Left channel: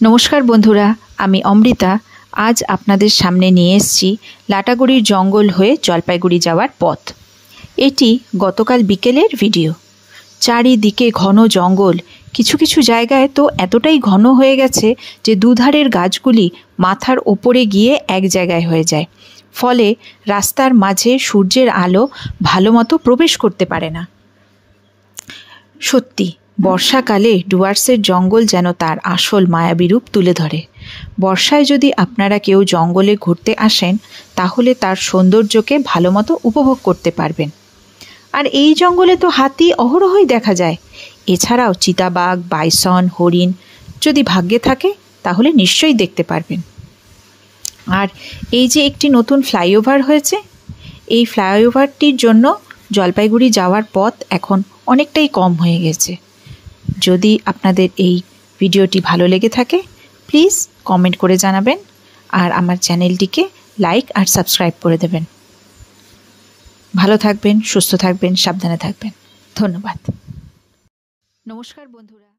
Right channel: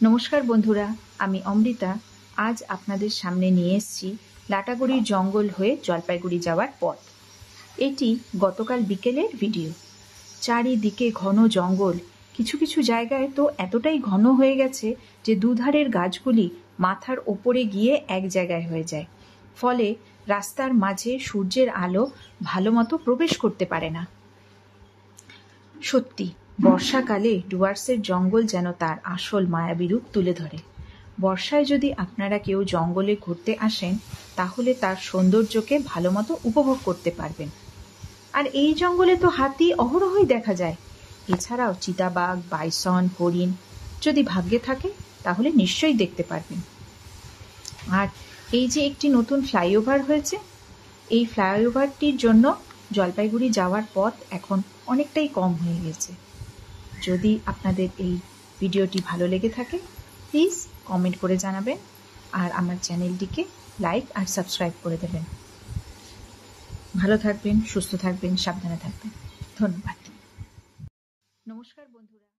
নমস্কার বন্ধুরা, আমি অমৃতা। আজ আপনাদের সামনে নিয়ে এসেছি লাটাগুড়ির জঙ্গল হয়ে জলপাইগুড়ি যাওয়ার পথ। এটি গতকাল বিকেলের ভিডিও। চারিদিকে ঘন জঙ্গল, কিছু কিছু জায়গায় তো এতটাই ঘন হয়ে গেছে যে দুধারের গাছগুলি মাথার ওপরে গিয়ে এক জায়গায় হয়ে যায়, ফলে রাস্তার মাঝে সূর্যের আলো ভালো মতো প্রবেশ করতে পারে না। সত্যি বর্ষাকালে ডুয়ার্সের জঙ্গল যেন তার আসল মায়াবী রূপ তুলে ধরে। বর্ষায় যদি আপনারা কেউ জঙ্গলে ঘুরতে আসেন, তাহলে তার সৌন্দর্যকে ভালো মতো উপভোগ করতে পারবেন। আর এই জঙ্গলে তো হাতি অহরহই দেখা যায়। এছাড়াও চিতাবাঘ, বাইসন, হরিণ যদি ভাগ্যে থাকে তাহলে নিশ্চয়ই দেখতে পারবেন। আর এই যে একটি নতুন ফ্লাইওভার হয়েছে, এই ফ্লাইওভারটির জন্য জলপাইগুড়ি যাওয়ার পথ এখন অনেকটাই কম হয়ে গেছে। যদি আপনাদের এই ভিডিওটি ভালো লেগে থাকে, প্লিজ কমেন্ট করে জানাবেন আর আমার চ্যানেলটিকে লাইক আর সাবস্ক্রাইব করে দেবেন। ভালো থাকবেন, সুস্থ থাকবেন, সাবধানে থাকবেন। ধন্যবাদ। নমস্কার বন্ধুরা।